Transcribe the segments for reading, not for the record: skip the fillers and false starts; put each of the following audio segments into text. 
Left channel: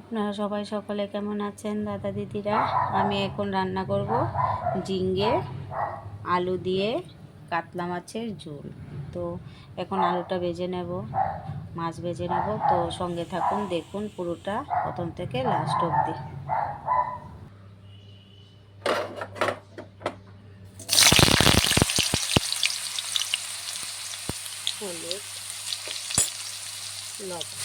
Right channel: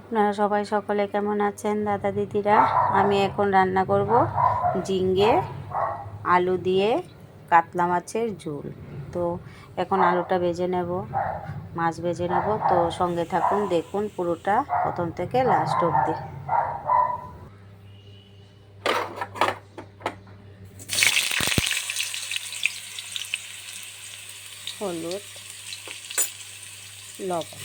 আপনারা সবাই সকলে কেমন আছেন দাদা দিদিরা? আমি এখন রান্না করব ঝিঙে আলু দিয়ে কাতলা মাছের ঝোল। তো এখন আলুটা ভেজে নেব, মাছ ভেজে নেব। তো সঙ্গে থাকুন, দেখুন পুরোটা প্রথম থেকে লাস্ট অবধি। হলুদ, লবণ,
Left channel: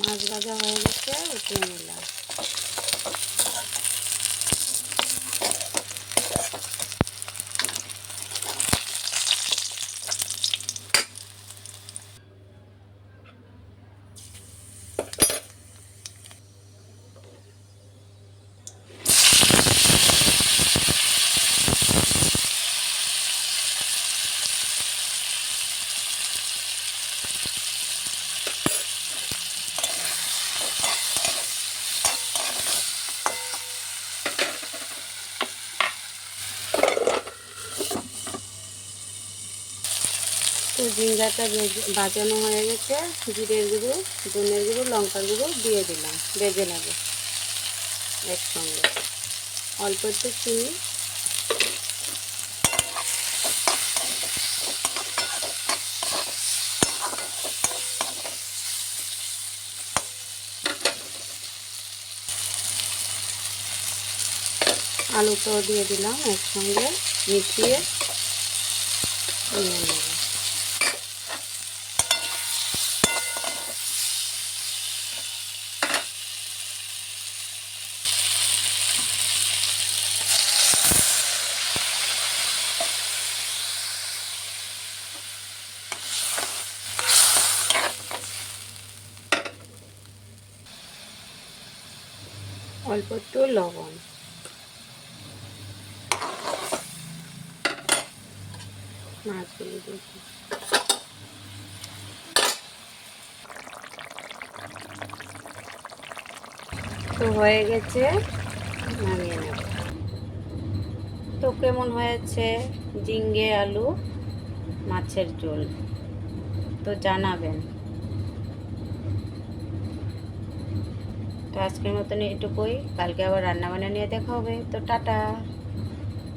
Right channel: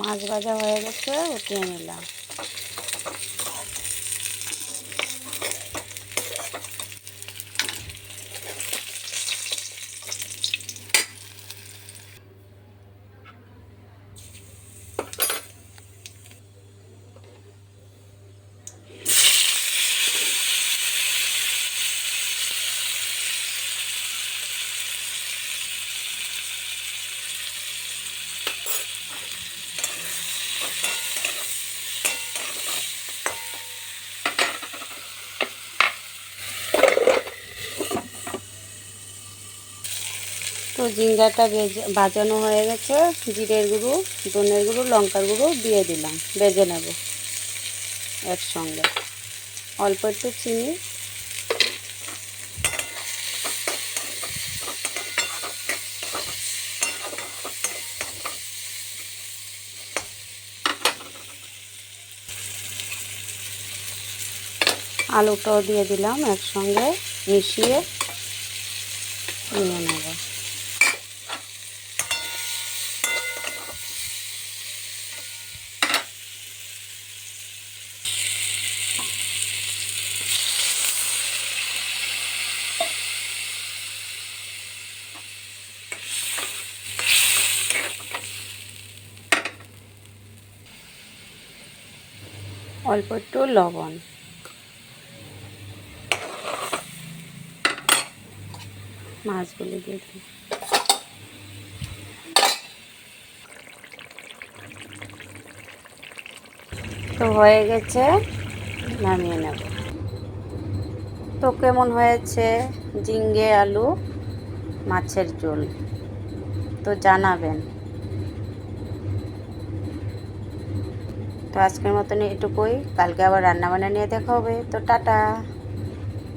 মাছ ভাজা হয়ে গেছে, উঠিয়ে নিলাম। তো ঝিঙ্গাটা ভাজানো হয়ে গেছে, জিরের গুঁড়ো, ধনের গুঁড়ো, লঙ্কার গুঁড়ো দিয়ে দিলাম, ভেজে নেব একসঙ্গে। অল্প একটু চিনি, আলুটাও দিয়ে দিলাম, একসঙ্গে মিশিয়ে নিয়ে নেব। অল্প একটু লবণ, মাছগুলো দিয়ে দিই। তো হয়ে গেছে, নামিয়ে নেব। তো কেমন হয়েছে ঝিঙ্গে আলু মাছের ঝোল, তো জানাবেন। তো আজকের মতন এটুকুই, কালকে আবার রান্না বান্না নিয়ে দেখা হবে। তো টাটা।